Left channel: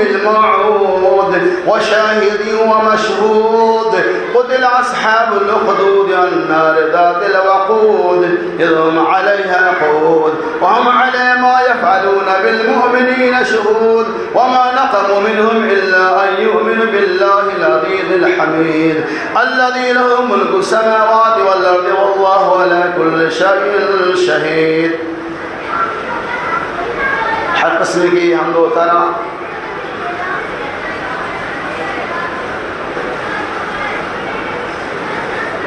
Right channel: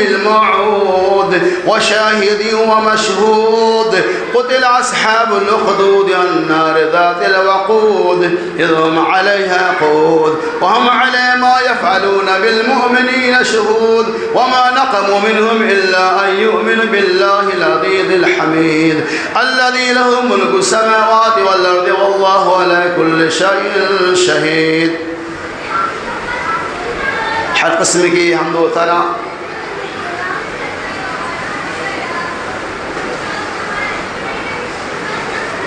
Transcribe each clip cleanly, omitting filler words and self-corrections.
الموعود وشاهد ومشهود قتل أصحاب الأخدود النار ذات الوقود إذ هم عليها قعود وهم على ما يفعلون بالمؤمنين شهود وما نقموا منهم إلا أن يؤمنوا بالله العزيز الحميد الذي له ملك السماوات والأرض والله على كل شيء شهيد. ہر قسم کی حمد و ثنا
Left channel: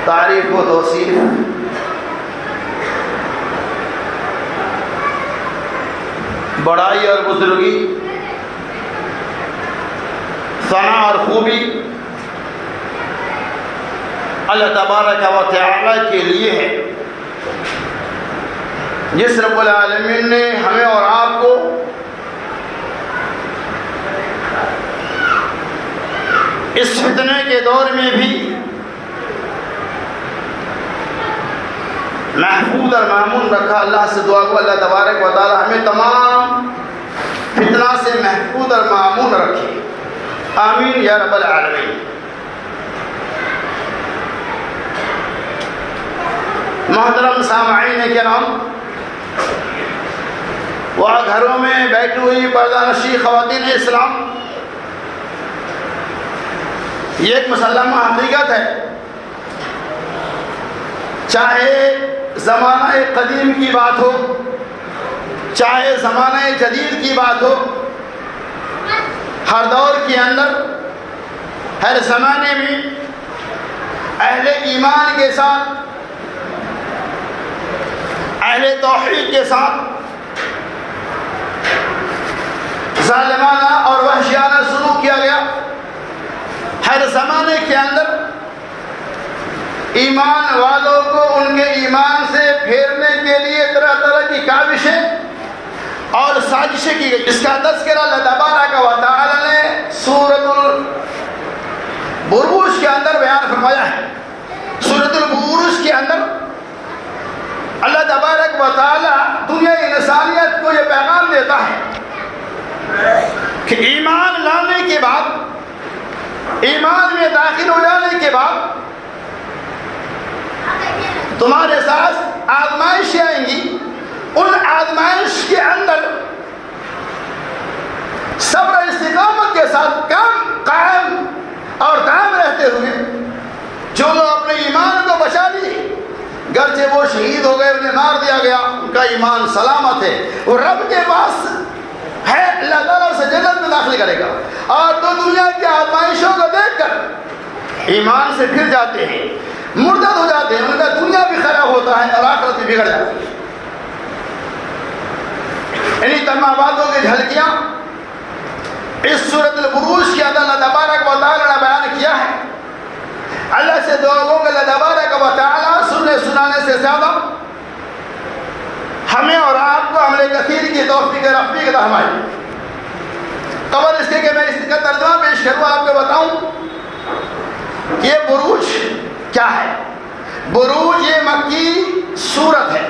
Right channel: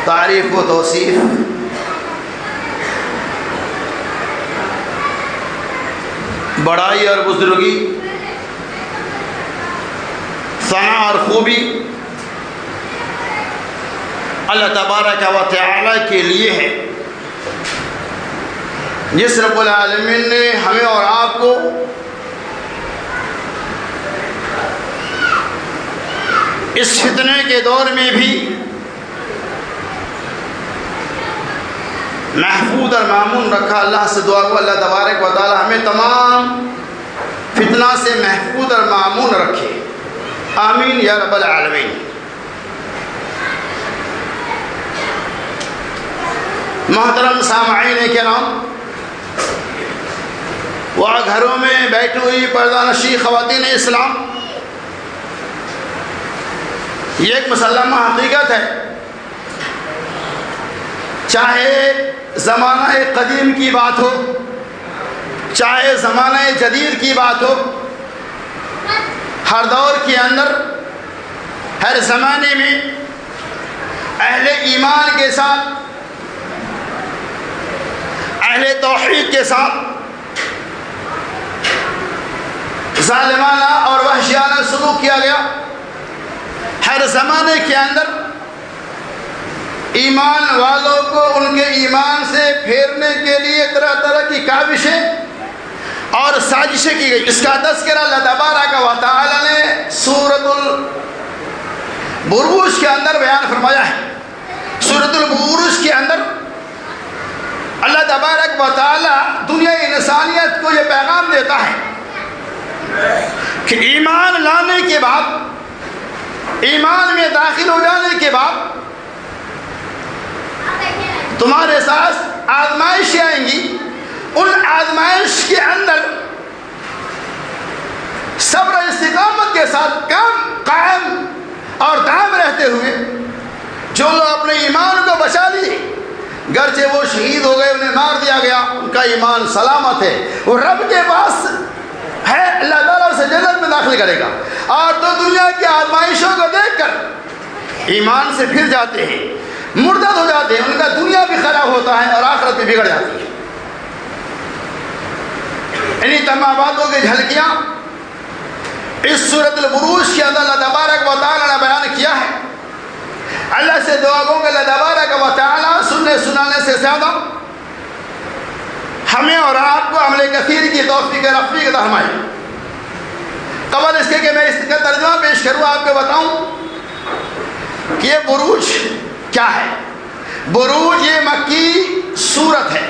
تعریف و توصیف بڑائی اور بزرگی ثنا اور خوبی اللہ تبارک و تعالی کے لیے ہے، جس رب العالمین نے ہمیں اور آپ کو اس فتنے کے دور میں بھی محفوظ اور مامون رکھا۔ اللہ سے دعا کو اللہ تبارک و تعالی ہمیں تمام فتنہ سے محفوظ اور مامون رکھے، آمین یا رب العالمین۔ محترم سامعین کرام، وہاں گھروں میں بیٹھی ہوئی پردہ نشی خواتین اسلام، یہ ایک مسلمہ حقیقت ہے، چاہے زمانہ قدیم کی بات ہو چاہے زمانہ جدید کی بات ہو، ہر دور کے اندر ہر زمانے میں اہل ایمان کے ساتھ، اہل توحید کے ساتھ ظالمانہ اور وحشیانہ سلوک کیا گیا۔ ہر زمانے کے اندر ایمان والوں کو ان کے ایمان سے پھیرنے کے لیے طرح طرح کی کاوشیں اور سازشیں کی گئی۔ اس کا تذکرہ اللہ تبارک و تعالی نے سورۃ البروج کے اندر بیان فرمایا ہے۔ سورۃ البروج کے اندر اللہ تبارک و تعالی دنیا انسانیت کو یہ پیغام دیتا ہے کہ ایمان لانے کے بعد، ایمان میں داخل ہو جانے کے بعد تمہارے ساتھ آزمائشیں آئیں گی۔ ان آزمائش کے اندر صبر و استقامت کے ساتھ قائم اور دائم رہتے ہوئے جو لوگ اپنے ایمان کو بچا لیے، گرچہ وہ شہید ہو گئے، انہیں مار دیا گیا، ان کا ایمان سلامت ہے، وہ رب کے پاس ہے، اللہ تعالیٰ سے جنت میں داخل کرے گا۔ اور تو دنیا کی آزمائشوں کو دیکھ کر ایمان سے پھر جاتے ہیں، مرتد ہو جاتے ہیں، ان کا دنیا بھی خراب ہوتا ہے اور آخرت بھی بگڑ جاتی ہے۔ انہی تمام باتوں کی جھلکیاں اس سورۃ البروج کے اندر اللہ تبارک و تعالی نے بیان کیا ہے۔ اللہ سے دعا کو کہ اللہ تبارک و تعالی سننے سنانے سے زیادہ ہمیں اور آپ کو عمل کثیر کی توفیق رفیق عطا فرمائے۔ قبل اس کے کہ میں اس کا ترجمہ پیش کروں، آپ کو بتاؤں کہ یہ بروج کیا ہے۔ بروج یہ مکی سورت ہے،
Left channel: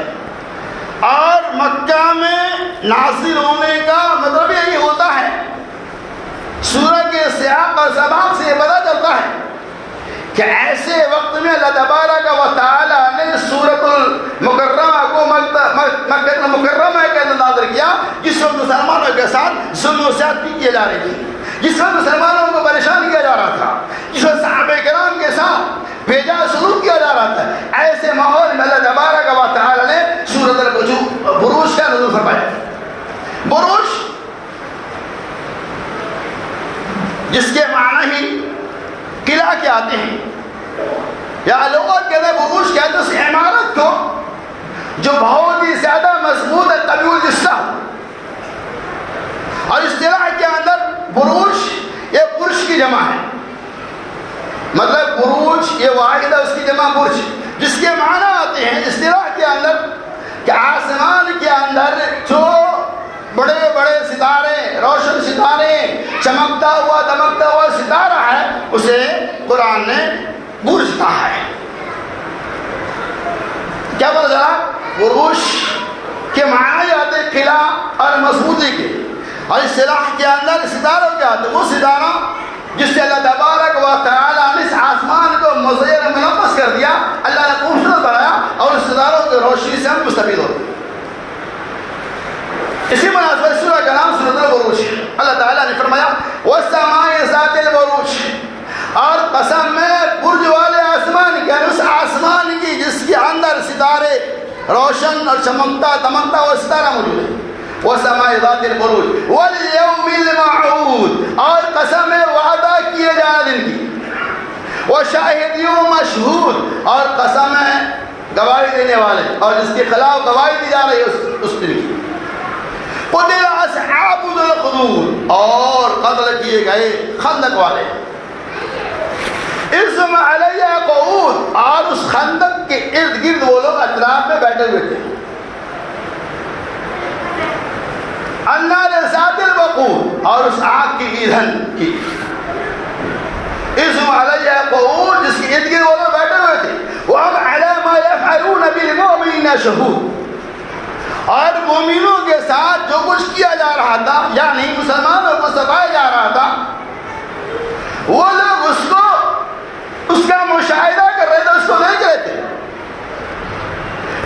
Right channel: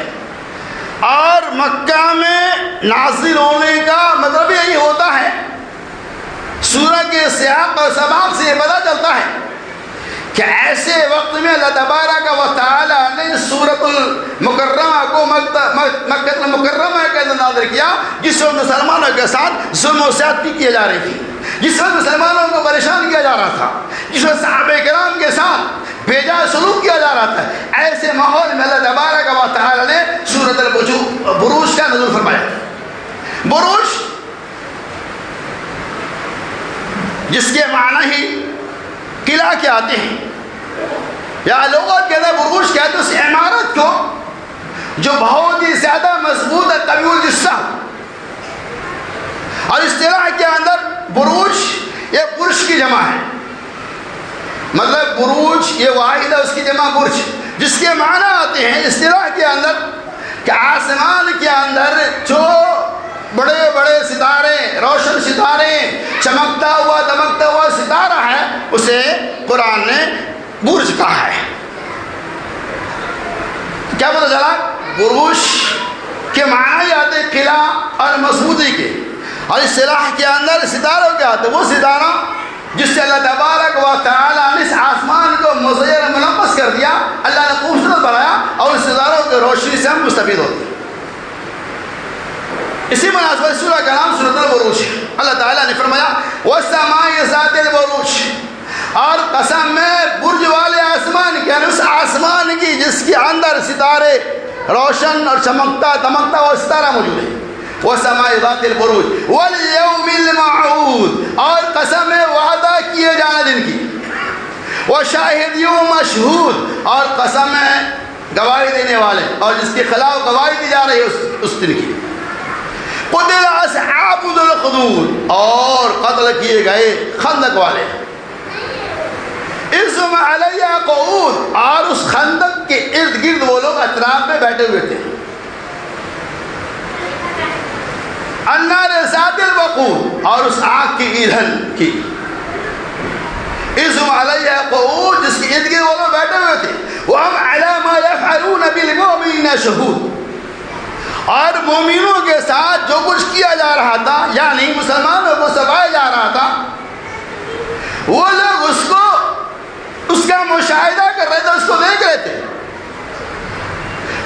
اور مکہ میں نازل ہونے کا مطلب یہی ہوتا ہے، سورت کے سیاق اور سباق سے یہ پتہ چلتا ہے کہ ایسے وقت میں اللہ تبارک و تعالی نے سورۃ المکرمہ کو مکہ المکرمہ کے اندر نازل کیا، جس وقت مسلمانوں کے ساتھ ظلم و زیادتی کی جا رہی تھی، جس وقت مسلمانوں کو پریشان کیا جا رہا تھا، جس وقت صحابہ کرام کے ساتھ بھیجا سلوک کیا جا رہا تھا، ایسے ماحول میں اللہ تبارک و تعالی نے سورۃ البروج کا نزول فرمایا۔ بروج جس کے معنی ہی قلعہ کے آتے ہیں، یا لغت کے اندر بروج کہتے ہیں اس عمارت کو جو بہت ہی زیادہ مضبوط ہے، طویل جثہ، اور اصطلاح کے اندر بروج یہ برج کی جمع ہے، مطلب بروج یہ واحد ہے، اس کی جمع برج، جس کے معنی آتے ہیں اصطلاح کے اندر کہ آسمان کے اندر جو بڑے بڑے ستارے، روشن ستارے، چمکتا ہوا دمکتا ہوا ستارہ ہے، اسے قرآن نے برج کہا ہے۔ کیا بولا؟ بروج کے معنی آتے قلعہ اور مضبوطی کے، اور اصطلاح کے اندر ستاروں کیا تو وہ ستارہ جس سے اللہ تبارک و تعالیٰ نے اس آسمان کو مزیر منقص کر دیا، اللہ نے خوبصورت بنایا اور ستاروں کی روشنی سے ہم مستفید ہوتے ہیں۔ اسی مناسبت سورہ کا نام سورۃ البروج ہے۔ اللہ تعالیٰ نے فرمایا وَالسَّمَاءِ ذَاتِ الْبُرُوجِ، اور قسم میں برج والے آسمان کے، اس آسمان کی جس کے اندر ستارے روشن اور چمکتا دمکتا اور ستارہ موجود ہے۔ وَالسَّمَاءِ ذَاتِ الْبُرُوجِ وَالْيَوْمِ الْمَوْعُودِ، اور قسم ہے وعدہ کیے جانے دن کی، وَشَاهِدٍ وَمَشْهُودٍ، اور قسم ہے گواہی دینے والے اور جس کے خلاف گواہی دی جا رہی ہے اس دن کی۔ قُتِلَ أَصْحَابُ الْأُخْدُودِ، اور قتل کیے گئے خندق والے۔ اِذْ هُمْ عَلَيْهَا قُعُودٌ، اور اس خندق کے ارد گرد وہ لوگ اطراف میں بیٹھے ہوئے تھے۔ النَّارِ ذَاتِ الْوَقُودِ، اور اس آگ کی ایندھن کی۔ اِذْ هُمْ عَلَيْهَا قُعُودٌ، جس کے ارد گرد وہ لوگ بیٹھے ہوئے تھے۔ وَهُمْ عَلَىٰ مَا يَفْعَلُونَ بِالْمُؤْمِنِينَ شُهُودٌ، اور مومنوں کے ساتھ جو کچھ کیا جا رہا تھا، یعنی مسلمانوں کو ستایا جا رہا تھا، وہ لوگ اس کا مشاہدہ کر رہے تھے، اس کو دیکھ رہے تھے۔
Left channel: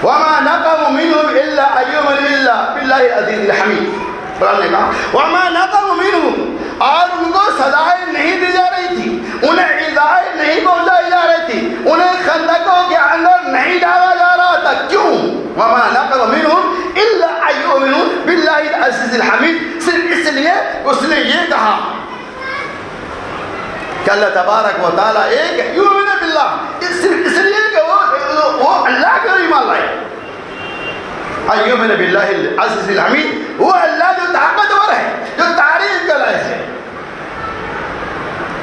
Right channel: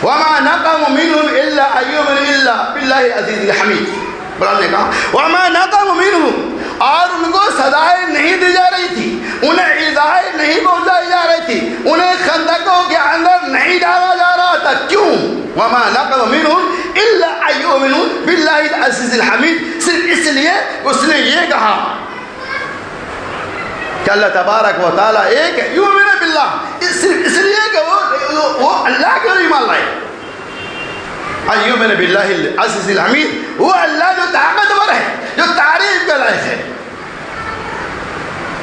وَمَا نَقَمُوا مِنْهُمْ إِلَّا أَن يُؤْمِنُوا بِاللَّهِ الْعَزِيزِ الْحَمِيدِ، قرآن نے کہا وَمَا نَقَمُوا مِنْهُمْ، اور ان کو سزائیں نہیں دی جا رہی تھی، انہیں ایذائیں نہیں پہنچائی جا رہی تھی، انہیں خندقوں کے اندر نہیں ڈالا جا رہا تھا۔ کیوں؟ وَمَا نَقَمُوا مِنْهُمْ إِلَّا أَن يُؤْمِنُوا بِاللَّهِ الْعَزِيزِ الْحَمِيدِ، صرف اس لیے اس نے یہ کہا کہ اللہ تبارک و تعالیٰ ایک ہے، یؤمن باللہ، صرف اس لیے کہ وہ اللہ کے ایمان لائے۔ ان یؤمن باللہ العزیز الحمید، وہ اللہ جو طاقتور ہے، جو تعریف کا لائق ہے۔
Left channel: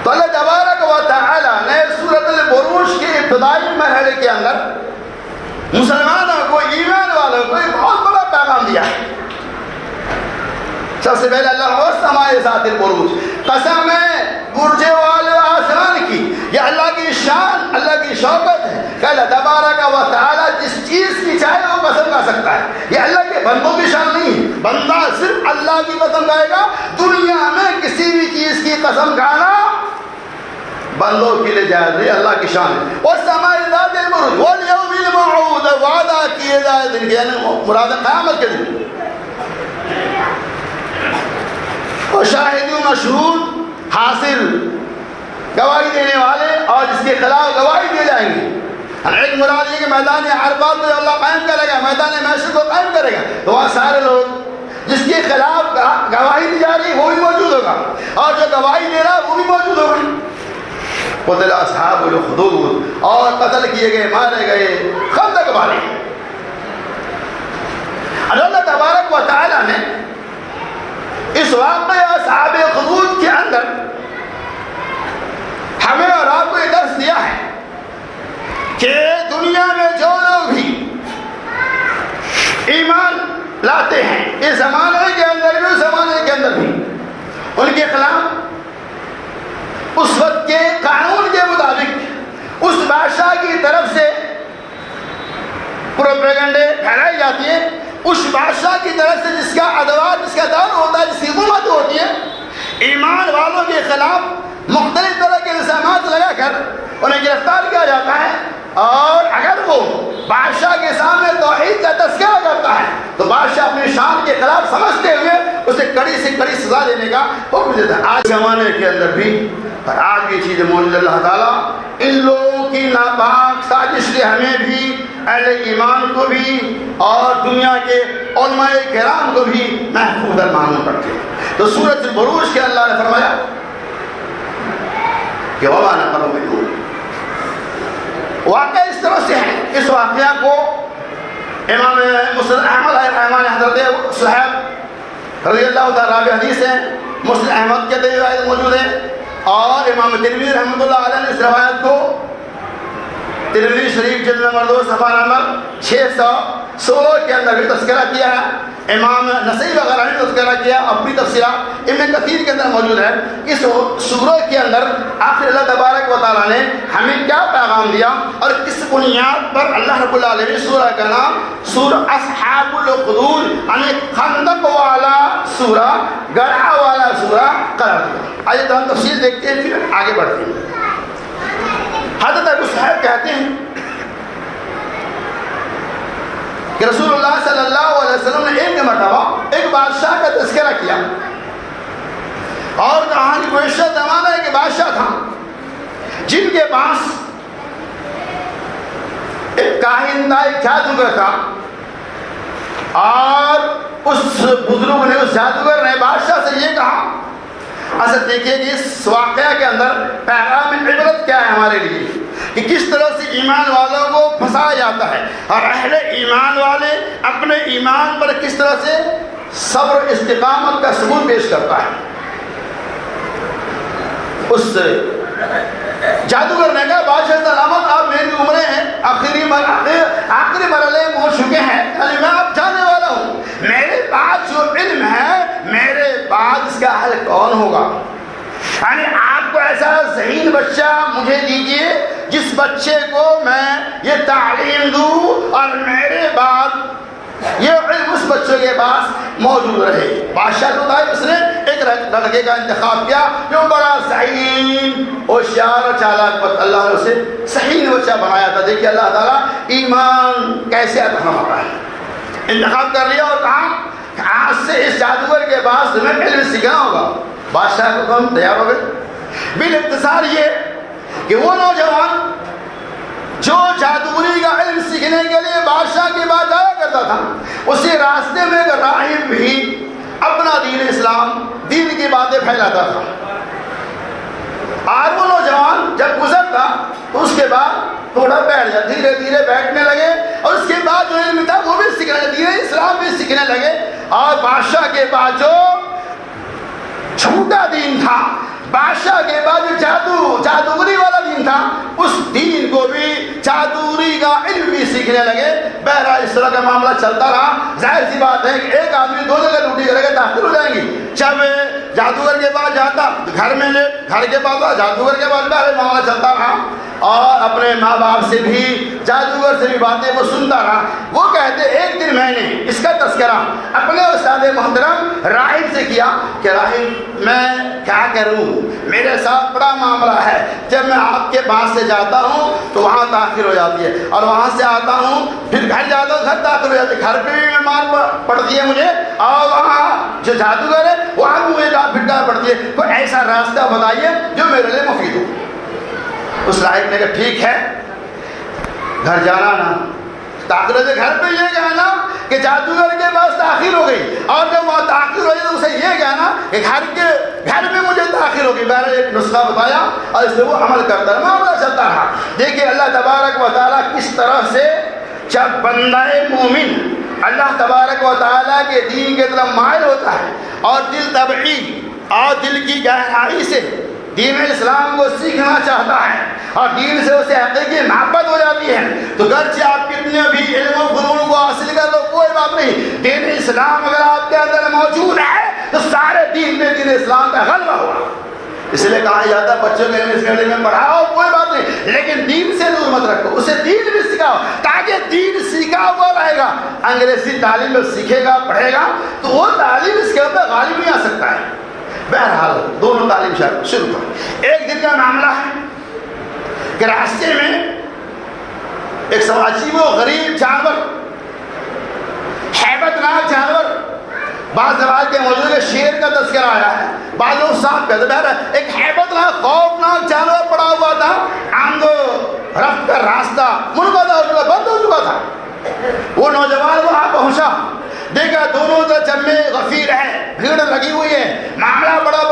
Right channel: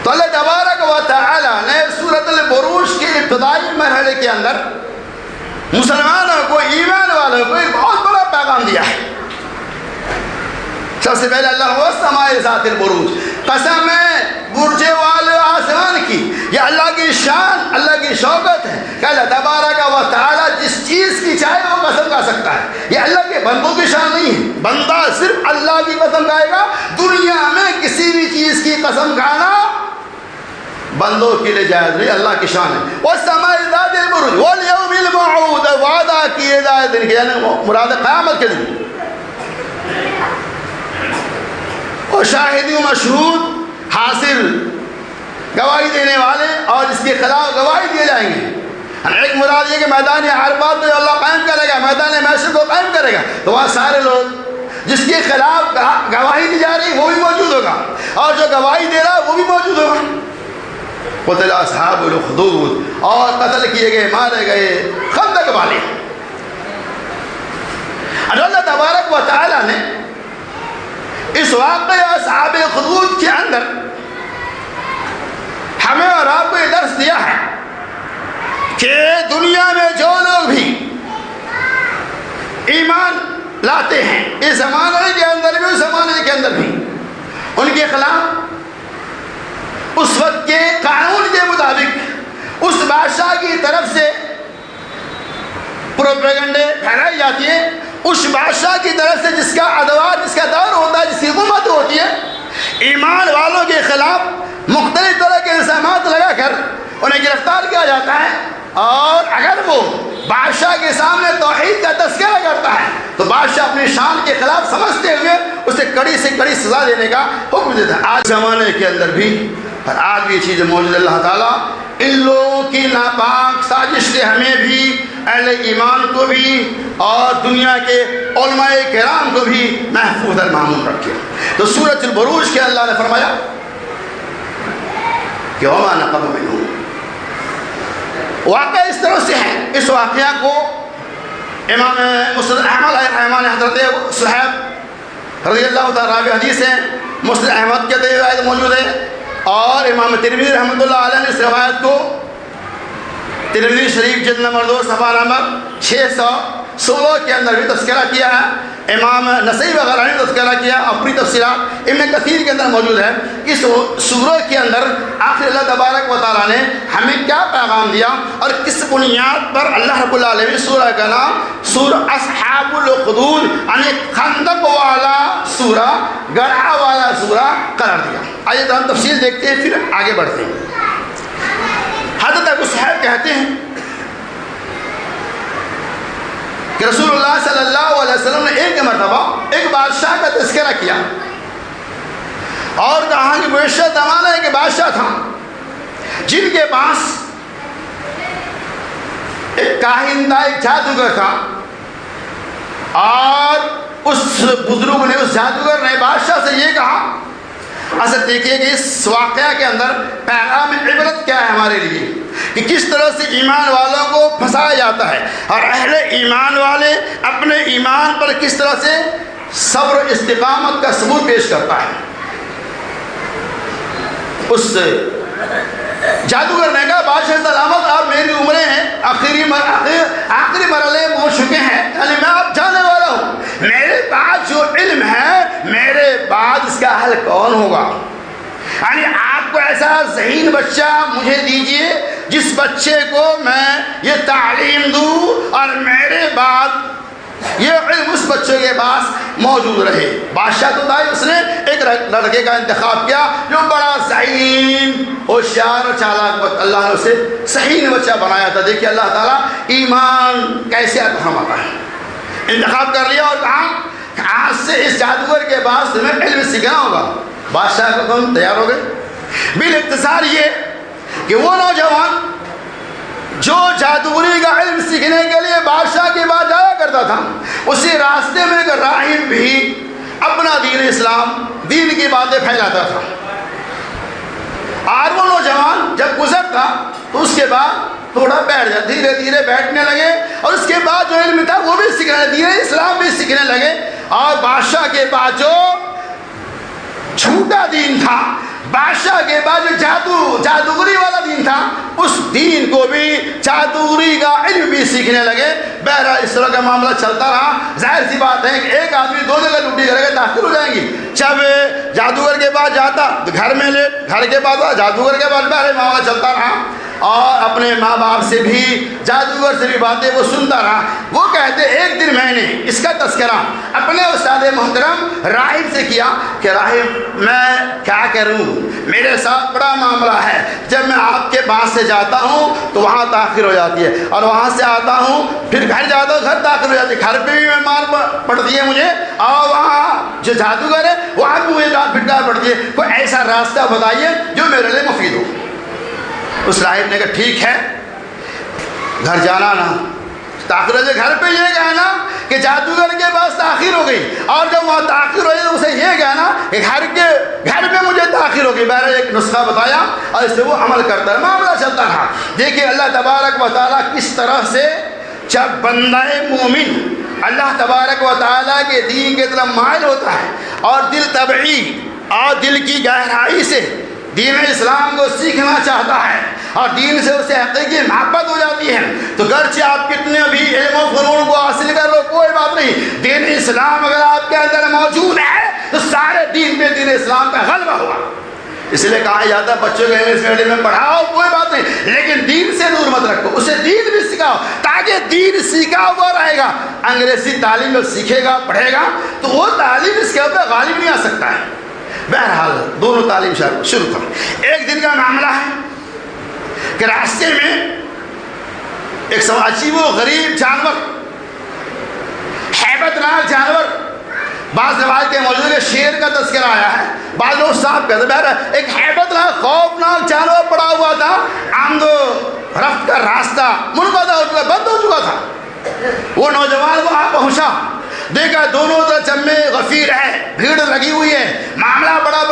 تو اللہ تبارک و تعالیٰ نے سورۃ البروج کے ابتدائی مرحلے کے اندر مسلمانوں کو، ایمان والوں کو ایک بہت بڑا پیغام دیا ہے۔ سب سے پہلے اللہ وَالسَّمَاءِ ذَاتِ الْبُرُوجِ، قسم ہے برج والے آسمان کی، یہ اللہ کی شان، اللہ کی شوکت ہے کہ اللہ تبارک و تعالیٰ جس چیز کی چاہے وہ قسم کھا سکتا ہے۔ یہ اللہ کے بندوں کی شان نہیں ہے، بندہ صرف اللہ کی قسم کھائے گا۔ دنیا میں کسی بھی چیز کی قسم کھانا بندوں کے لیے جائز نہیں، اللہ کی شان ہے۔ وَالسَّمَاءِ ذَاتِ الْبُرُوجِ وَالْيَوْمِ الْمَوْعُودِ، وعدہ کیے جائے دن کے، یعنی مراد قیامت کے دن۔ وَشَاهِدٍ وَمَشْهُودٍ، حاصل گواہی دینے والے اور جس کے خلاف گواہی دیے جائیں گے۔ ایک مراد یہ کہ میدان عرفات میں اللہ قائم کرے گا، میدان محشر کو قائم کرے گا، تو وہاں سارے لوگ جس کے خلاف گواہی دی جا رہی وہ بھی موجود ہوگا، اور جو گواہی دے رہا وہ بھی موجود ہوگا۔ قتل اصحاب الأخدود، اور قتل کیے گئے، مارے گئے خندق والے۔ اللہ تبارک و تعالیٰ نے اس واقعہ اصحاب الأخدود کے اندر ہمیں اور آپ کو یہ درس دیا ہے کہ دنیا میں جو لوگ بھی ایمان لاتے ہیں، اس زمانے کے اندر بھی، اس زمانے کے اندر بھی، ان کے خلاف اس وقت کے قانون کے مطابق اس بادشاہ کی طرف سے پروپیگنڈے پھیلائی جاتی ہے، اس بادشاہ کی طرف سے جس کا ادوار، جس کا دور ہوتا ہے، جس کی حکومت ہوتی ہے، ایمان والوں کے خلاف مختلف طرح کے الزامات لگا کر انہیں گرفتار کیا جاتا ہے، اور اگر وہ بادشاہ کے سامنے توحید کا تذکرہ کرتا ہے تو بادشاہ اپنی شان کے خلاف سمجھتے ہوئے اسے کڑی سے کڑی سزا دینے کا حکم دیتا ہے۔ آج زمانے کے اندر بھی آج یہ چیز موجود، اللہ تعالیٰ ان لوگوں کی ناپاک سازش سے ہمیں بھی، اہل ایمان کو بھی اور دنیا کے علماء کرام کو بھی محفوظ اور معمول رکھے۔ تو سورۃ البروج کے اللہ نے فرمایا کہ وَمَا نَقَمُوا مِنْهُمْ، واقعہ اس طرح سے ہے، اس واقعہ کو امام مسند احمد رحمہ حضرت صحیح رضی اللہ تعالیٰ حدیث ہے، مسند احمد کے اندر روایت موجود ہے، اور امام ترمذی رحمۃ اللہ علیہ نے اس روایت کو ترمذی شریف جلد نمبر 2 صفحہ نمبر 616 کے اندر بھی تذکرہ کیا ہے، امام نسائی وغیرہ نے تذکرہ کیا، اپنی تفسیرات ابن کثیر کے اندر موجود ہے۔ اس سورہ کے اندر آخر اللہ تبارک و تعالیٰ نے ہمیں کیا پیغام دیا اور کس بنیاد پر اللہ رب العالمین سورہ کا نام سورہ اصحاب الأخدود یعنی خندق والا سورہ گڑھا والا سورہ قرار دیا۔ آئیے تو ہم تفصیل دیکھتے ہیں پھر آگے بڑھتے ہیں۔ حضرت ابو صہیب کہتے ہیں کہ رسول اللہ صلی اللہ علیہ وسلم نے ایک مرتبہ ایک بادشاہ کا تذکرہ کیا اور کہا کہ گزشتہ زمانہ ایک بادشاہ تھا جن کے پاس ایک کاہن تھا، ایک جادوگر تھا، اور اس بزرگ نے، اس جادوگر نے بادشاہ سے یہ کہا، اصل دیکھیے کہ اس واقعہ کے اندر پیغام عبرت کیا ہے ہمارے لیے، کہ کس طرح سے ایمان والوں کو پھنسایا جاتا ہے اور اہل ایمان والے اپنے ایمان پر کس طرح سے صبر استقامت کا ثبوت پیش کرتا ہے۔ اس جادوگر نے کہا بادشاہ سلامت، آپ میری عمریں ہیں، آخری مرحلے میں پہنچ چکے ہیں، یعنی میں اب جانے والا ہوں، میرے پاس جو علم ہے میرے بعد اس کا حل کون ہوگا؟ یعنی آپ کو ایسا ذہین بچہ مجھے دیجئے جس بچے کو میں یہ تعلیم دوں اور میرے بعد یہ علم اس بچے کے پاس موجود رہے۔ بادشاہ تو تھا، اس نے ایک لڑکے کا انتخاب کیا جو بڑا ذہین ہوشیار اور چالاک، اللہ نے اسے ذہین بچہ بنایا تھا۔ دیکھیے اللہ تعالیٰ ایمان کیسے اہم ہے۔ انتخاب کر لیا اور کہا کہ آج سے اس جادوگر کے پاس تمہیں علم سیکھنا ہوگا۔ بادشاہ کا کام تیار ہو گئے۔ بالاختصار یہ کہ وہ نوجوان جو جادوگری کا علم سیکھنے کے لیے بادشاہ کے پاس جایا کرتا تھا، اسی راستے میں ایک راہب بھی اپنا دین اسلام، دین کی باتیں پھیلاتا تھا، اور وہ نوجوان جب گزرتا تو اس کے بعد تھوڑا بیٹھ جاتا، دھیرے دھیرے بیٹھنے لگے، اور اس کے بعد جو علم تھا وہ بھی سیکھنے، دین اسلام بھی سیکھنے لگے، اور بادشاہ کے پاس جو جھوٹا دین تھا، بادشاہ کے بعد جو جادوگری والا دین تھا، اس دین کو بھی جادوگری کا علم بھی سیکھنے لگے۔ بہرحال اس طرح کا معاملہ چلتا رہا۔ ظاہر سی بات ہے کہ ایک آدمی دو جگہ ڈیوٹی کرے گا، تاخیر ہو جائیں گی۔ جب جادوگر کے پاس جاتا گھر میں لے، گھر کے پاس جادوگر کے پاس بہرحال معاملہ چلتا رہا، اور اپنے ماں باپ سے بھی، جادوگر سے بھی باتیں وہ سنتا رہا۔ وہ کہتے ایک دن میں نے اس کا تذکرہ اپنے استاد محترم راہب سے کیا کہ راہب میں کیا کروں، میرے ساتھ بڑا معاملہ ہے، جب میں آپ کے پاس سے جاتا ہوں تو وہاں تاخیر ہو جاتی ہے، اور وہاں سے آتا ہوں پھر گھر جاتا ہوں، گھر تاخیر ہو جاتی ہے، گھر پہ بھی مار پڑتی ہے مجھے، اور وہاں جو جادوگر ہے وہاں بھی مجھے ڈانٹ پھٹکار پڑتی ہے، کوئی ایسا راستہ بتائیے جو میرے لیے مفید ہو۔ اس راہب نے کہا ٹھیک ہے، گھر جانا نا، تاخیر ہو جائے، گھر پہ یہ کہنا کہ جادوگر کے پاس تاخیر ہو گئی، اور جب وہاں تاخیر ہو جائے تو اسے یہ کہنا کہ گھر میں مجھے تاخیر ہو گئی۔ بہرحال ایک نسخہ بتایا اور اس پہ وہ عمل کرتا رہا، معاملہ چلتا رہا۔ دیکھیے اللہ تبارک و تعالیٰ کس طرح سے جب بندہ مومن اللہ تبارک و تعالیٰ کے دین کے طرف مائل ہوتا ہے اور دل طبعی اور دل کی گہرائی سے دین اسلام کو سیکھنا چاہتا ہے اور دین سے اسے حقیقی محبت ہو جاتی ہے، تو گرچہ آپ کتنے بھی علم و فنون کو حاصل کر لو کوئی بات نہیں، دین اسلام اگر آپ کے اندر موجود ہے تو سارے دین میں دین اسلام کا غلبہ ہوا۔ اس لیے کہا جاتا ہے بچوں کو انگلش میڈیم میں پڑھاؤ کوئی بات نہیں، لیکن دین سے دور مت رکھو، اسے دین بھی سکھاؤ تاکہ دین سیکھا ہوا رہے گا۔ انگریزی تعلیم میں سیکھے گا، پڑھے گا تو وہ تعلیم اس کے اوپر غالب نہیں آ سکتا ہے۔ بہرحال دونوں تعلیم شروع کریں۔ ایک دن کا معاملہ ہے کہ راستے میں ایک عجیب و غریب جانور، ہیبت ناک جانور، بعض روایت کے موجود شیر کا تذکرہ آیا ہے، بعض لوگ صاحب کہتے ہیں، بہرحال ایک ہیبت ناک خوفناک جانور پڑا ہوا تھا، آمد و رفت کا راستہ منقطع ہو چکا، بند ہو چکا تھا۔ وہ نوجوان وہاں پہنچا، دیکھا دونوں طرف جمع غفیر ہے، بھیڑ لگی ہوئی ہے، معاملہ بڑا بڑا،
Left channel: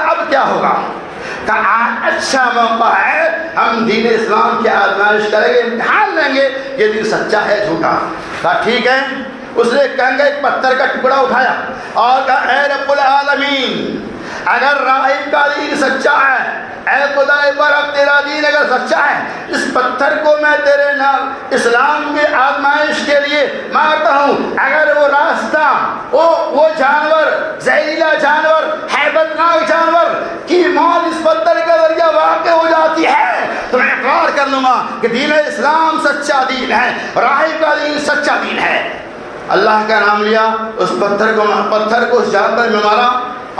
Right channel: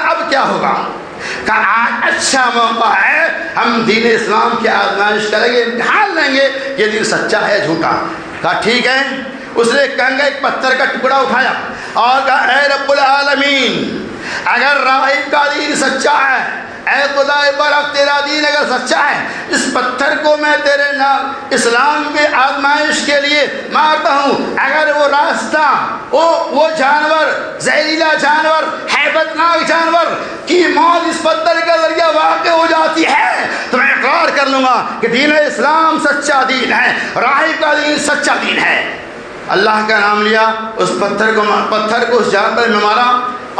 اب کیا ہوگا؟ کہا اچھا موقع ہے، ہم دین اسلام کی آزمائش کریں گے، امتحان لیں گے یہ دین سچا ہے جھوٹا۔ کہا ٹھیک ہے۔ اس نے کنگا ایک پتھر کا ٹکڑا اٹھایا اور کہا اے رب العالمین، اگر راہب کا دین سچا ہے، اے خدا برحق تیرا دین اگر سچا ہے، اس پتھر کو میں تیرے نام اسلام کے آزمائش کے لیے مارتا ہوں۔ اگر وہ راستہ، وہ جانور، زہریلا جانور، ہیبت ناک جانور کی موت اس پتھر کے ذریعے واقع ہو جاتی ہے تو میں اقرار کر لوں گا کہ دین اسلام سچا دین ہے، راہب کا دین سچا دین ہے۔ اللہ کا نام لیا، اس پتھر کو اس جانور میں مارا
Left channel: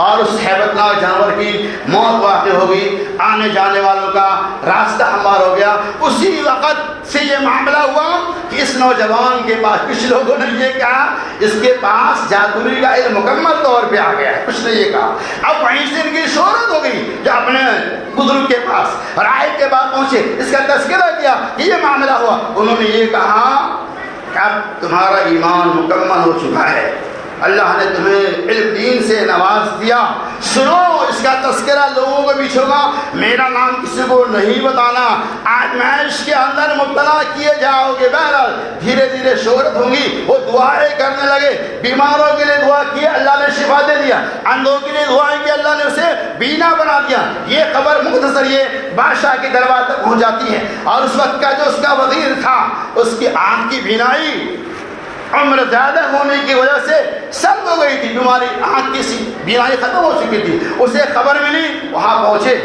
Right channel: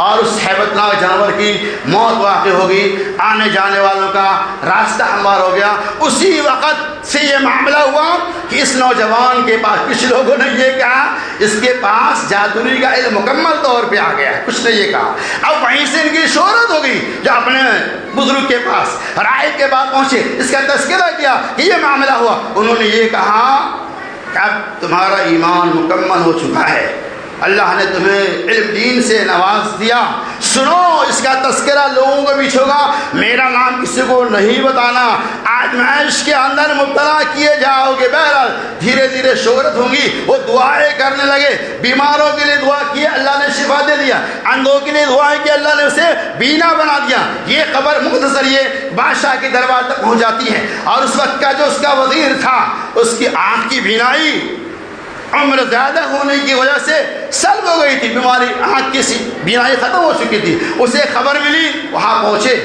اور اس ہیبتناک جانور کی موت واقع ہو گئی، آنے جانے والوں کا راستہ ہموار ہو گیا۔ اسی وقت سے یہ معاملہ ہوا کہ اس نوجوان کے پاس، کچھ لوگوں نے یہ کہا اس کے پاس جادوگری کا علم مکمل طور پہ آ گیا ہے، کچھ نے یہ کہا۔ اب وہیں سے ان کی شہرت ہو گئی، جو اپنے بزرگ کے پاس راہب کے پاس پہنچے، اس کا تذکرہ کیا کہ یہ معاملہ ہوا۔ انہوں نے یہ کہا کہ اب تمہارا ایمان مکمل ہو چکا ہے، اللہ نے تمہیں علم دین سے نواز دیا، سنو اس کا تذکرہ لوگوں کو بھی ہوگا، میرا نام کسی کو نہیں بتانا، آزمائش کے اندر مبتلا کیے جاؤ گے۔ بہرحال دھیرے دھیرے شہرت ہوں گی، وہ دعائیں کرنے لگے، بیماروں کے لیے دعا کی، اللہ نے شفا دے دیا، اندھوں کے لیے دعائیں کی، اللہ نے اسے بینا بنا دیا۔ یہ خبر مختصر یہ بادشاہ کے دربار تک پہنچ جاتی ہے، اور اس وقت کا جو اس کا وزیر تھا، اس کی آنکھ کی بینائی عمر زیادہ ہونے کی وجہ سے سلب ہو گئی تھی، بیماری، آنکھ کی بینائی ختم ہو چکی تھی۔ اسے خبر ملی، وہاں پہنچے،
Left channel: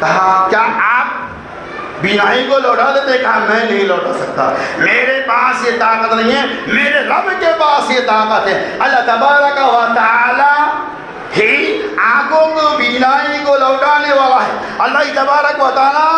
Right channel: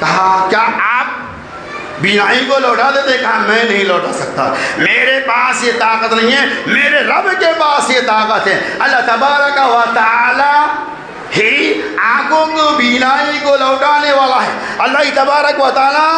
کہا کیا آپ بینائی کو لوٹا دیتے؟ کہا میں نہیں لوٹا سکتا، میرے پاس یہ طاقت نہیں ہے، میرے رب کے پاس یہ طاقت ہے۔ اللہ تبارک و تعالی ہی آنکھوں کو، بینائی کو لوٹانے والا ہے، اللہ تبارک و تعالی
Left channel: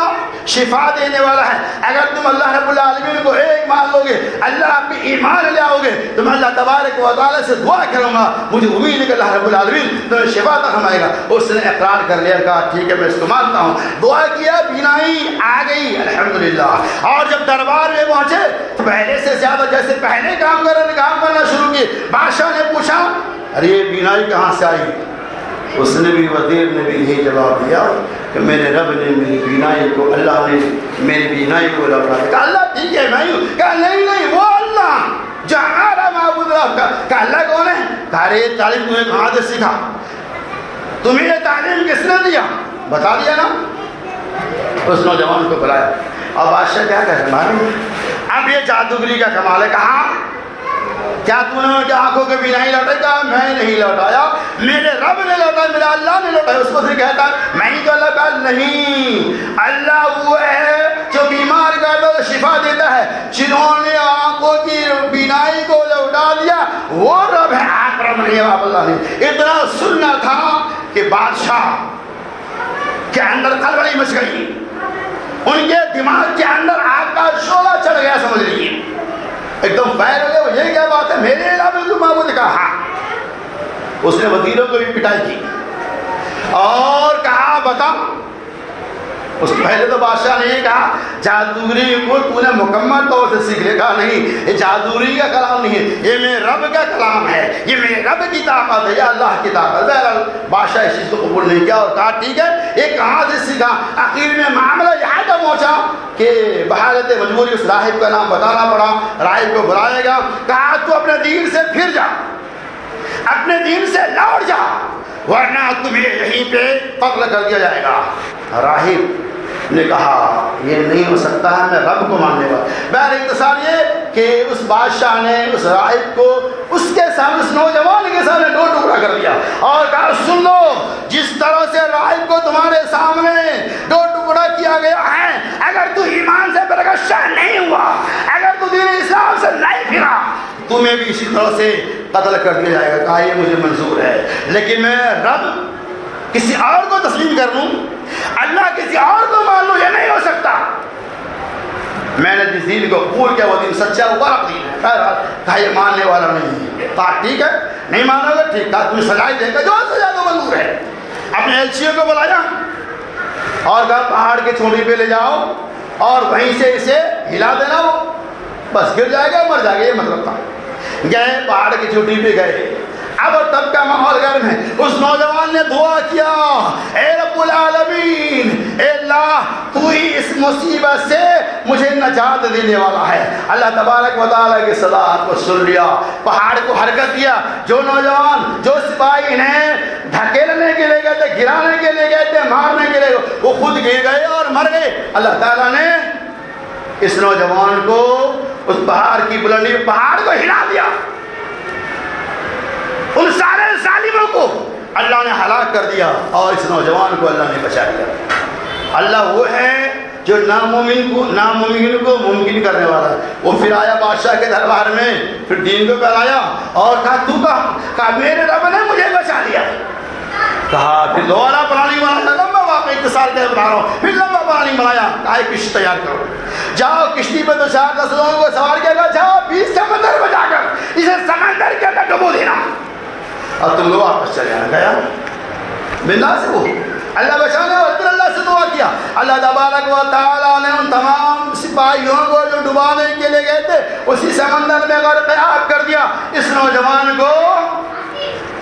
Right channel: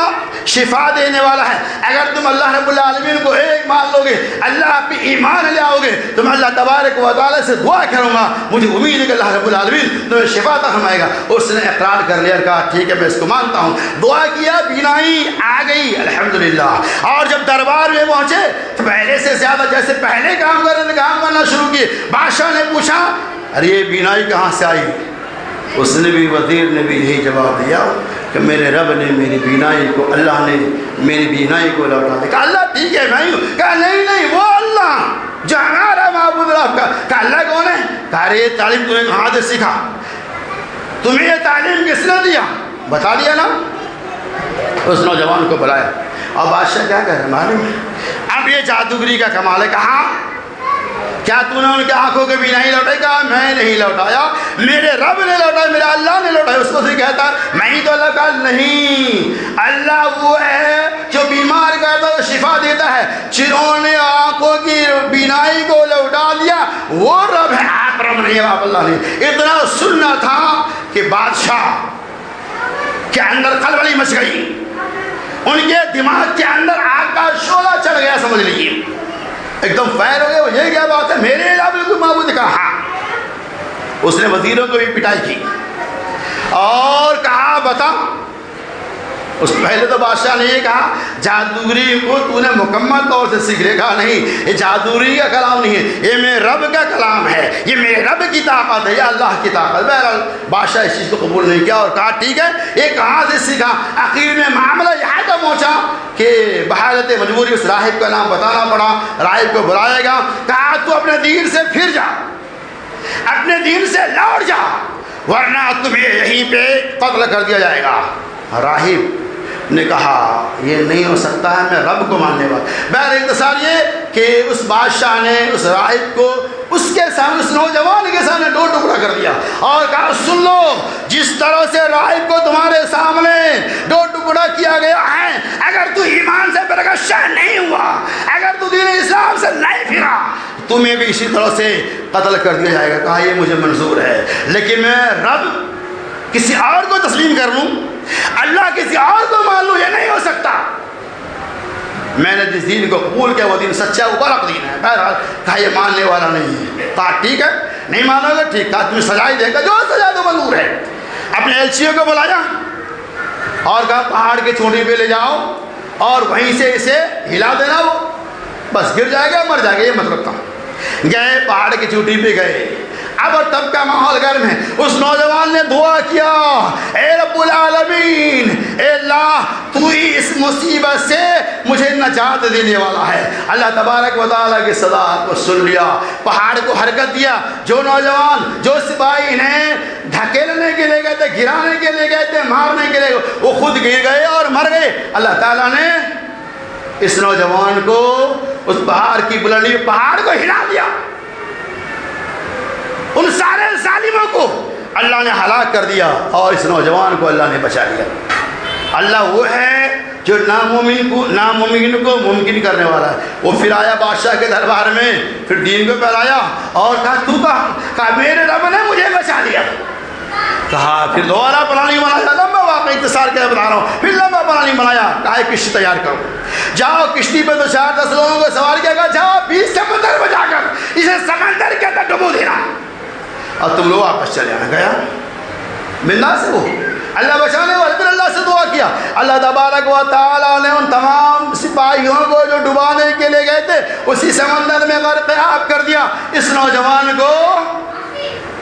شفا دینے والا ہے۔ اگر تم اللہ رب العالمین کو ایک مان لو گے، اللہ پہ ایمان لے آؤ گے، تو میں اللہ تبارک و تعالی سے دعا کروں گا، مجھے امید ہے کہ اللہ رب العالمین تمہیں شفا عطا فرمائے گا۔ اس نے اقرار کر لیا، کہا ٹھیک ہے میں اس کو مانتا ہوں، دعا کیا، بینائی آ گئی الحمدللہ۔ اور جب دربار میں پہنچے تو پہلے سے زیادہ جیسے پہلے کام کرنا شروع کیے۔ بادشاہ نے پوچھا ارے یہ بینائی کہاں سے آئی؟ اس نے بھی، وزیر نے بھی یہی جواب دیا کہ میرے رب نے میری بینائی کو، اللہ نے میری بینائی کو لوٹا دیا۔ کہا اللہ ٹھیک ہے میں ہوں۔ کہا نہیں وہ اللہ جو ہمارا معبود رب کا۔ کہا اللہ کون ہے؟ کہا یہ تعلیم تمہیں کہاں سے سیکھا؟ تمہیں یہ تعلیم کس نے دیا؟ بتا دیا نا۔ اس نوجوان کو بلایا، اور بادشاہ کیا کہہ رہا ہے؟ اب یہ جادوگری کا کمال ہے۔ کہا کیا تم نے ان کی آنکھوں کے بینائی لوٹائی؟ کہا میں نہیں لوٹایا، میرے رب نے لوٹایا، میرا اللہ نے لوٹایا۔ اس کو سے کہتا میں ہی تو اللہ کا نہیں، اللہ وہ ہے جو بیمار کرتا ہے، شفا دیتا ہے، جنہوں نے آنکھوں کی بینائی کو لوٹا دیا وہ رب ہے، آپ رب نہیں، آپ اللہ نہیں۔ اتنا سننا تھا کہ بادشاہ کے اندر خلبلی مچ گئی، ان کے دماغ کے اندر آگ کا شعلہ چڑھ گیا، سمجھ لیجیے، ایک دم فائر ہو گیا۔ یہ کیا بات ہے، میرے علاوہ کوئی معبود؟ کہا ہاں۔ اس نے وزیروں کو بھی پٹائی کی اور کہا بتا، اس پہلے تو بادشاہ نے یہ کہا جادوگری کو تو نے مکمل طور سے سیکھ لے۔ کہا نہیں، یہ جادوگری کا کلام نہیں ہے، یہ میرے رب کا کلام ہے، یہ میرے رب کی طاقت ہے، یہ اللہ کی طاقت۔ بہرحال بادشاہ اس چیز کو قبول نہیں کیا اور کہا ٹھیک ہے، یہ کہاں سے سیکھا؟ آخر میں معاملہ یہاں تک پہنچا کہ بحالت مجبوری اس راہب کا نام بتانا پڑا، راہب کو بلایا گیا، کہا تو اپنے دین سے پھر جا، اپنے دین سے لوٹ جا، ورنہ تمہیں یہیں پہ قتل کر دیا جائے گا۔ راہب نے کہا یہ نہیں ہو سکتا ہے، میں رب کو ماننے کا۔ بہر اختصار یہ کہ اس بادشاہ نے اس راہب کو اس کے سامنے، اس نوجوان کے سامنے دو ٹکڑا کر دیا اور کہا سن لو، جس طرح سے راہب کو تمہارے سامنے دو ٹکڑا کیا گیا ہے، اگر تو ایمان سے برگشتہ نہیں ہوا، اگر تو دین اسلام سے نہیں پھرا، تمہیں بھی اسی طرح سے قتل کر دیا جائے گا۔ کہا یہ مجھے منظور ہے، لیکن میں رب کسی اور کو تسلیم کر لوں، اللہ کسی اور کو مان لوں، یہ نہیں ہو سکتا۔ میں نے جس دین کو قبول کیا وہ دین سچا وہ برحق دین ہے۔ بہرحال کہا یہ ماننے والا نہیں ہے۔ کہا ٹھیک ہے، نہیں مانو گے ٹھیک، کہا تمہیں سزا ہی دے گا، جو سزا تو منظور ہے۔ اپنے ایلچیوں کو بلایا اور کہا پہاڑ کے چوٹی پہ لے جاؤ اور وہیں سے اسے ہلا دینا، وہ بس گر جائے گا، مر جائے گا، یہ مت رکھتا ہوں۔ گئے پہاڑ کی چوٹی پہ گئے، اب اور تب کا ماحول گرم ہے۔ اس نوجوان نے دعا کیا، اے رب العالمین، اے اللہ تو ہی اس مصیبت سے مجھے نجات دینے والا ہے۔ اللہ تبارک و تعالیٰ کی صدا کو سن لیا، پہاڑ کو حرکت دیا۔ جو نوجوان، جو سپاہی انہیں دھکیلنے کے لیے گئے تھے، گرانے کے لیے گئے تھے، مارنے کے لیے، وہ خود گر گئے اور مر گئے۔ اللہ تعالیٰ نے اس نوجوان کو اس پہاڑ کی بلندی، پہاڑ کو ہلا دیا، ان سارے ظالموں کو اللہ نے ہلاک کر دیا اور اس نوجوان کو اللہ نے بچا لیا۔ اللہ وہ ہے جو ناممکن کو ممکن کرنے والا ہے. وہ پھر آیا بادشاہ کے دربار میں, پھر دین کو پھیلایا اور کہا میرے رب نے مجھے بچا لیا. کہا پھر دوبارہ پرانی بنایا, لمبا واقعی اختصار کے بتا رہا ہوں, پھر لمبا پرانی بنایا, کہا کشتی تیار کرو, جاؤ کشتی پہ 2-4-10 لوگوں کو سوار کیا, کہا جاؤ 20 سمندر میں جا کر اسے سمندر کے اندر ڈبو دینا. اور تم لوگ واپس چلے آ گیا بندہ سے. وہ اللہ بچانے کو پھر اللہ سے دعا کیا. اللہ تبارک و تعالیٰ نے ان تمام سپاہیوں کو جو ڈبانے کے لیے گئے تھے اسی سمندر میں غرق کر دیا. اس نوجوان کو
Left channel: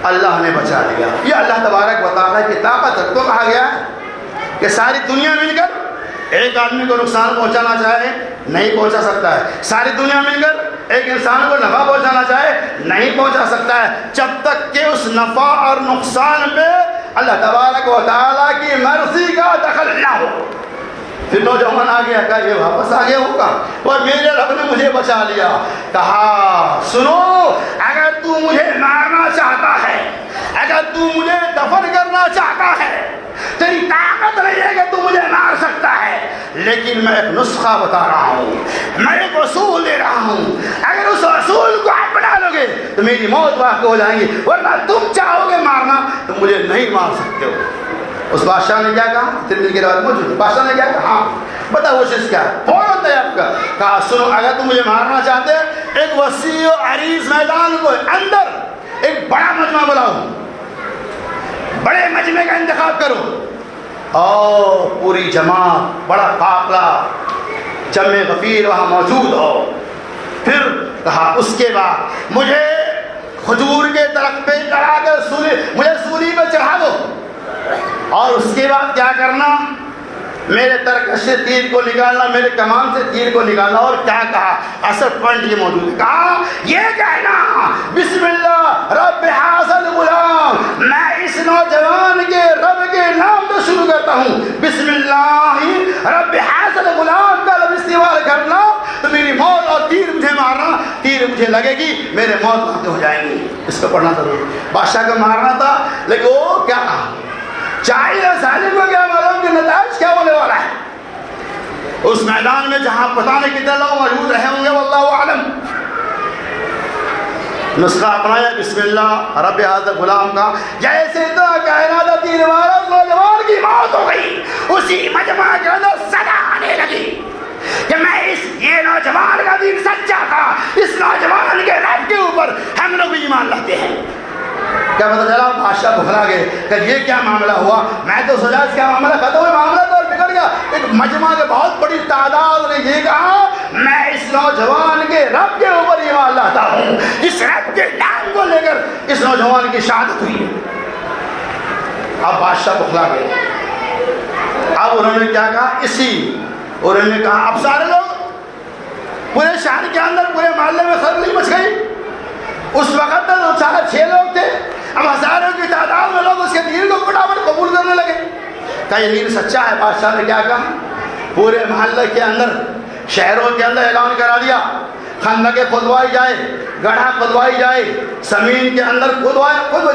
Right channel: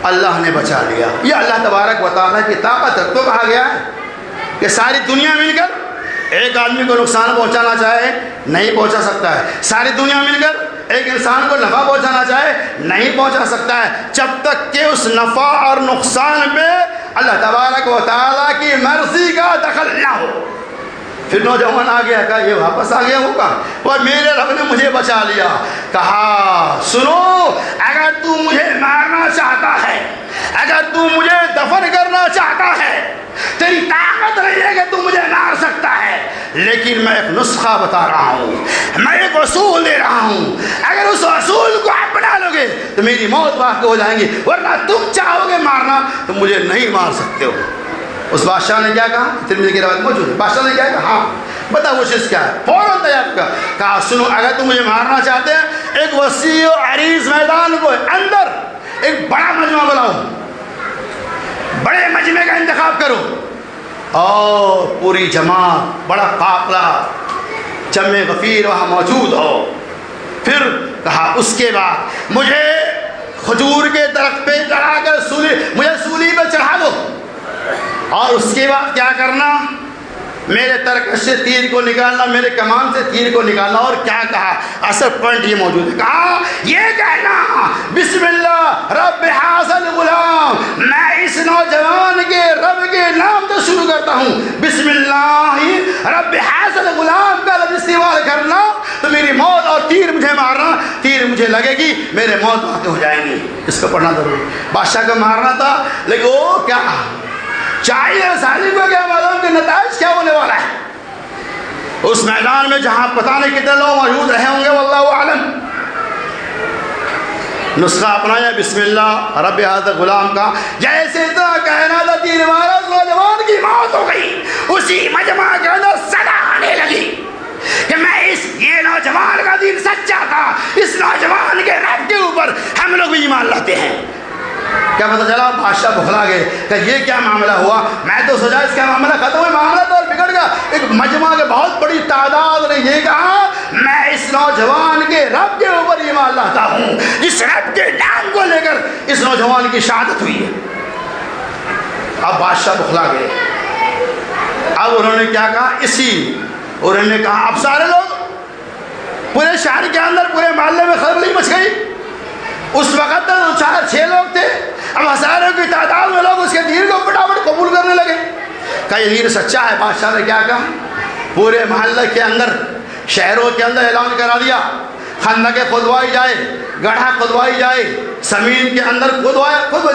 اللہ نے بچا لیا. یہ اللہ تبارک و تعالیٰ کی طاقت ہے. تو کہا گیا ہے کہ ساری دنیا مل کر ایک آدمی کو نقصان پہنچانا چاہے نہیں پہنچا سکتا ہے. ساری دنیا مل کر ایک انسان کو نفع پہنچانا چاہے نہیں پہنچا سکتا ہے, جب تک کہ اس نفع اور نقصان پہ اللہ تبارک و تعالیٰ کی مرضی کا دخل نہ ہو. پھر نوجوان آ گیا, کہا یہ واپس آ گیا ہوگا اور میرے رب نے مجھے بچا لیا. کہا سنو, اگر تو مجھے مارنا چاہتا ہے, اگر تو مجھے دفن کرنا چاہتا ہے, تیری طاقت نہیں ہے کہ تو مجھے مار سکتا ہے, لیکن میں ایک نسخہ بتا رہا ہوں, میں ایک اصول دے رہا ہوں. اگر اس اصول کو اپنا لو گے تو میری موت واقع ہو جائیں گی, ورنہ تم چاہو گے مارنا تو مجھے نہیں مار سکتے ہو. اس بادشاہ نے کیا کہا, ترمذی کی روایت موجود ہے, بادشاہ نے کیا کہا, ہاں بتا وہ چیز کیا ہے, فوراً تیار کر. کہا سنو, اگر تم مجھے مارنا چاہتے ہیں ایک وسیع و عریض میدان کو اندر ایک بڑا مجمع بناؤ, بڑے مجمع کا انتخاب کرو اور پوری جماعت بڑا قافلہ جمع غفیر وہاں موجود ہو. پھر کہا اس کے بعد مجھے کھجور کے درخت پہ چڑھا کر مجھے سولی پہ چڑھا دو, اور اس کے بعد کیا کرنا, میرے ترکش سے تیر کو نکالنا, میرے کمان سے تیر کو نکالنا. اور کیا کہا, اصل پوائنٹ یہ موجود ہے, کہا یہ کہنا بسم اللہ رب حاصل غلام, میں اس نوجوان کے رب کے نام سے شروع کرتا ہوں. بسم اللہ رب حاصل غلام کا لفظ استعمال کرنا تو میری موت اور تیر مجھے مارنا, تیر مجھے لگے گی, میرے موت ہو جائیں گی. اس کو پڑھنا ضروری. بادشاہ کو مارنا تھا, لیکن وہ کیا چاہیے ظالم کو کیا معلوم کہ نتائج کیا ہونے والا ہے. اس میدان میں جہاں پتہ نہیں کتنے لوگ موجود رہے ہوں گے واللہ اعلم, نسخہ اپنایا بسم اللہ رب حاضر غلام کا. جیسے اتنا کہنا تھا تیر مارا, نوجوان کی موت ہو گئی. اسی مجمع کے اندر صدا آنے لگی کہ میں یہ نوجوان کا دین سچا تھا, اس نوجوان کے رب کے اوپر ہم لوگ ایمان لاتے ہیں. کیا پتہ چلا, بادشاہ بخلا گئے کہ یہ کیا معاملہ ہوا. میں تو سوچا اس کا معاملہ ختم ہے, معاملہ تو بگڑ گیا. ایک مجمع کے بہت بڑی تعداد نے یہ کہا میں اس نوجوان کے رب کے اوپر ایمان لاتا ہوں, جس رب کے نام کو لے کر اس نوجوان کی شہادت ہوئی ہے. اب بادشاہ بخلا گئے. اب انہوں نے کیا کہا, انہوں نے کہا اب سارے لوگ پورے شہر کے اندر پورے محلے میں خبر نہیں مچ گئی. اس وقت 4-6 لوگ تھے, اب ہزاروں کی تعداد میں لوگ اس کے دین کو فٹافٹ قبول کرنے لگے. کہا یہ دین سچا ہے. بادشاہ نے کیا کہا, پورے محلے کے اندر شہروں کے اندر اعلان کرا دیا, خندقیں کھدوائی جائے, گڑھا کھدوائی جائے, زمین کے اندر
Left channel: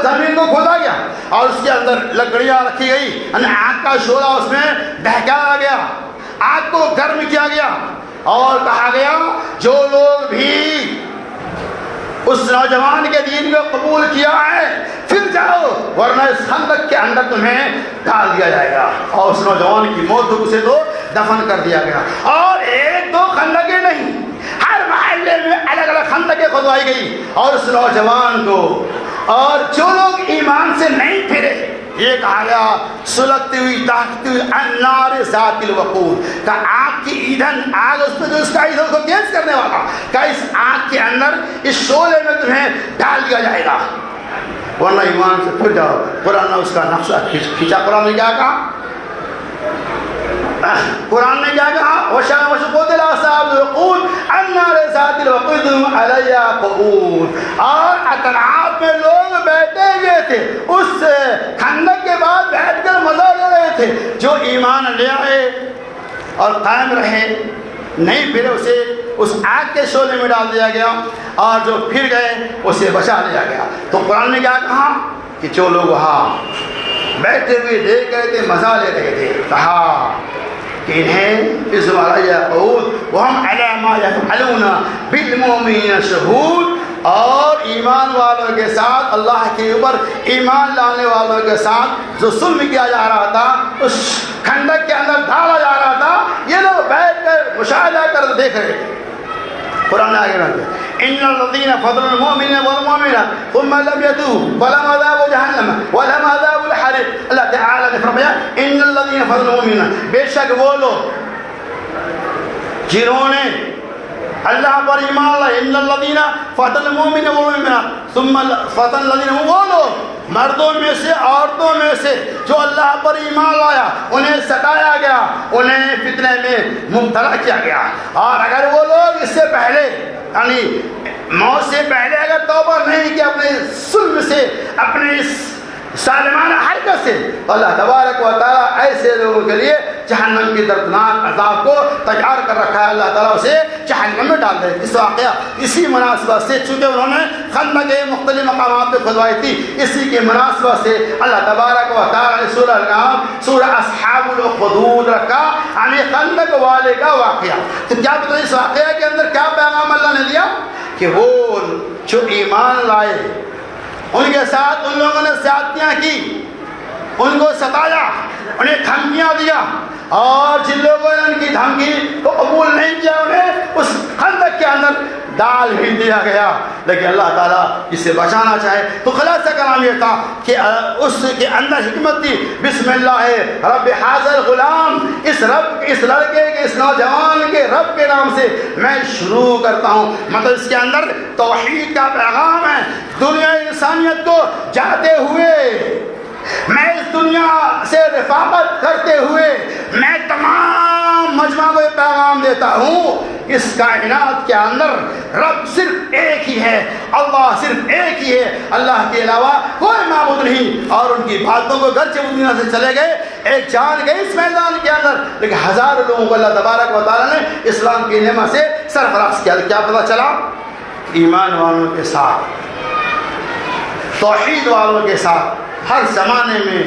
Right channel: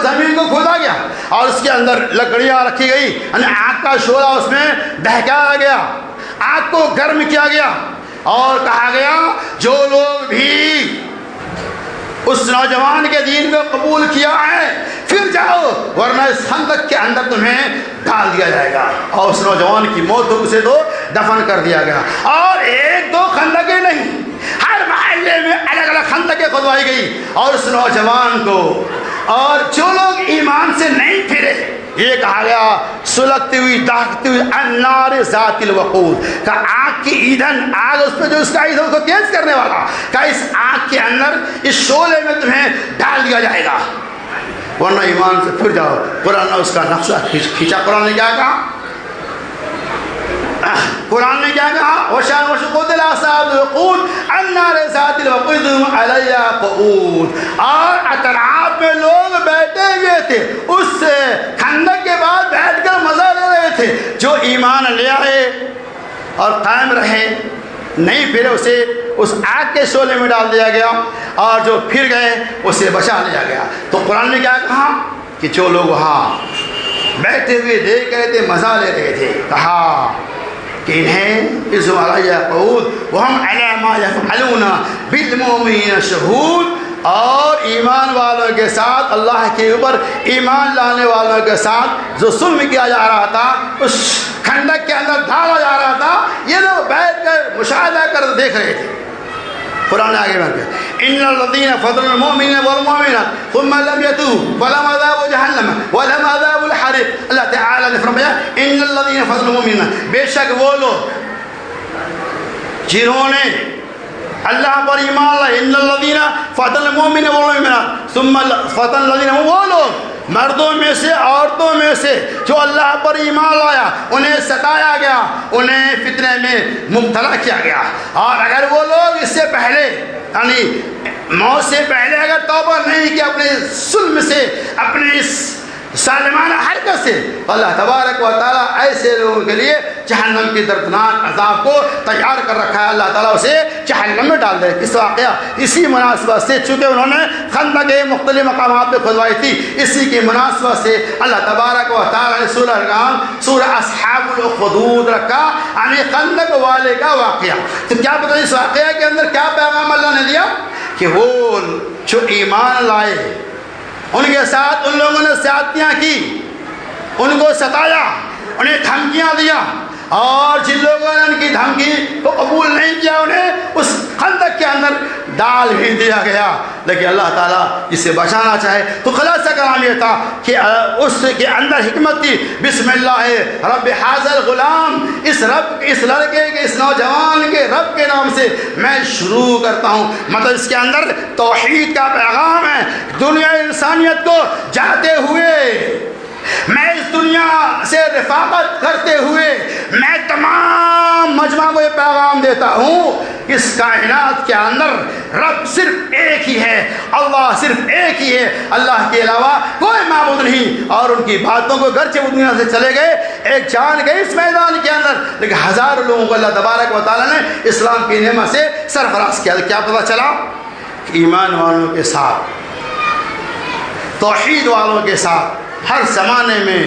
زمین کو کھودا گیا اور اس کے اندر لکڑیاں رکھی گئی, یعنی آگ کا شعلہ اس میں بہکایا گیا, آگ کو گرم کیا گیا اور کہا گیا جو لوگ بھی اس نوجوان کے دین کو قبول کیا ہے پھر جاؤ, ورنہ اس خندق کے اندر تمہیں ڈال دیا جائے گا. اور اس نوجوان کی موت اسے تو دفن کر دیا گیا. اور 1-2 خندقیں نہیں, ہر محلے میں الگ الگ خندقیں کھدوائی گئی. اور اس نوجوان کو اور جو لوگ ایمان سے نہیں پھرے, یہ کہا گیا سلگتی ہوئی داغتی ہوئی النار ذات الوقود, کہ آگ کی ایندھن, آگ اس پہ جو اس کا ایندھن کو تیز کرنے والا, کہ اس آگ کے اندر اس شعلے میں تمہیں ڈال دیا جائے گا, ورنہ ایمان سے پھر جاؤ. قرآن نے اس کا نقشہ کھینچا. قرآن نے کیا کہا, قرآن نے کیا کہا, وَشَاءَ وَشُقُودِ الْأَصْحَابُ الْوَقُودِ النَّارِ ذَاتِ الْوَقُودِ عَلَيْهَا قُعُودٌ. اور اطراف میں لوگ بیٹھے ہوئے تھے, اس خندق کے بعد بیٹھ کر مزہ لے رہے تھے. جو ایمان لے آئے اور قائم رہے, نہیں پھر اسے اس آگ کے شعلے میں ڈال دیا گیا, اور جو پھر گئے اسے بچا لیا گیا. تو قرآن نے کیا کہا کہ جو لوگ وہاں بیٹھے ہوئے دیکھ رہے تھے, مزہ لے رہے تھے, کہا کہ انہیں اذن علی قعود وہم علی ما یفعلون بالمؤمنین شہود، اور ایمان والوں کے ساتھ اللہ کے اوپر ایمان لانے والوں کے ساتھ جو ظلم کیا جا رہا تھا اس کھندق کے اندر ڈالا جا رہا تھا، یہ لوگ بیٹھ کر مشاہدہ کر دیکھ رہے تھے۔ قرآن آگے بڑھ گیا، ان الذین فضلوا المؤمنین والمؤمنات ثم لم يتوبوا فلهم عذاب جہنم ولهم عذاب الحریق۔ اللہ تعالیٰ نے فرمایا ان الذین فضلوا المؤمنین، بے شک وہ لوگ جنہوں نے اللہ پر ایمان لائے، ان الذین فضلوا المؤمنین والمؤمنات ثم فضل الذین، وہ لوگ مردوں میں سے عورتوں میں سے جو اللہ پر ایمان لایا انہیں ستایا گیا، انہیں فتنے میں مبتلا کیا گیا، اور اگر وہ لوگ اس سے پہلے یعنی موت سے پہلے اگر توبہ نہیں کی اپنے ظلم سے، اپنے اس ظالمانہ حرکت سے، اللہ تبارک و تعالیٰ ایسے لوگوں کے لیے جہنم کی دردناک عذاب کو تیار کر رکھا ہے، اللہ تعالیٰ اسے جہنم میں ڈال دے۔ اس واقعہ اسی مناسبت سے چونکہ انہوں نے خندق کے مختلف مقامات پہ کھدوائی تھی، اسی کی مناسبت سے اللہ تبارک و تعالیٰ نے سورہ نام سورہ اصحاب الاخدود رکھا، یعنی خندق والے کا واقعہ۔ تو کیا پتہ اس واقعہ کے اندر کیا پیغام اللہ نے دیا کہ وہ جو ایمان لائے ان کے ساتھ ان لوگوں نے زیادتیاں کی، ان کو ستایا، انہیں دھمکیاں دیا، اور جن لوگوں نے ان کی دھمکی کو قبول نہیں کیا انہیں اس خندق کے اندر ڈال بھی دیا گیا۔ لیکن اللہ تعالیٰ جسے بچانا چاہے تو خلاصہ کلام یہ تھا کہ اس کے اندر حکمت تھی، بسم اللہ رب حاضر غلام، اس لڑکے کے اس نوجوان کے رب کے نام سے میں شروع کرتا ہوں۔ مطلب اس کے اندر توحید کا پیغام ہے، دنیا انسانیت کو جاتے ہوئے میں اس دنیا سے رفاقت کرتے ہوئے میں تمام مجمع کو یہ پیغام دیتا ہوں، اس کائنات کے اندر رب صرف ایک ہی ہے، اللہ صرف ایک ہی ہے، اللہ کے علاوہ کوئی معبود نہیں، اور ان کی باتوں کو گرچہ وہ دنیا سے چلے گئے، ایک جان گئے اس میدان کے اندر، لیکن ہزاروں لوگوں کو اللہ تبارک و تعالیٰ نے اسلام کی نعمت سے سرفراز کیا۔ کیا پتہ چلا؟ ایمان والوں کے ساتھ، توحید والوں کے ساتھ ہر زمانے میں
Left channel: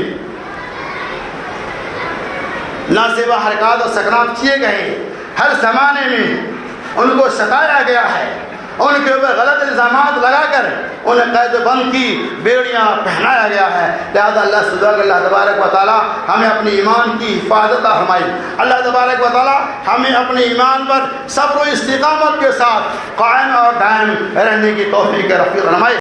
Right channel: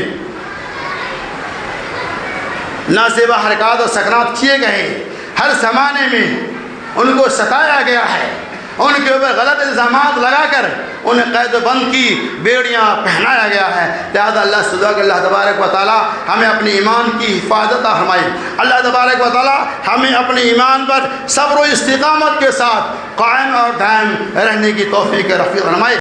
نازیبہ حرکات اور سکنات کیے گئے، ہر زمانے میں ان کو ستایا گیا ہے، ان کے اوپر غلط الزامات لگا کر انہیں قید و بند کی بیڑیاں پہنایا گیا ہے۔ لہذا اللہ صدا کہ اللہ تبارک و تعالیٰ ہمیں اپنے ایمان کی حفاظت فرمائے، اللہ تبارک و تعالیٰ ہمیں اپنے ایمان پر صبر و استقامت کے ساتھ قائم اور دائم رہنے کی توفیق رفیق فرمائے۔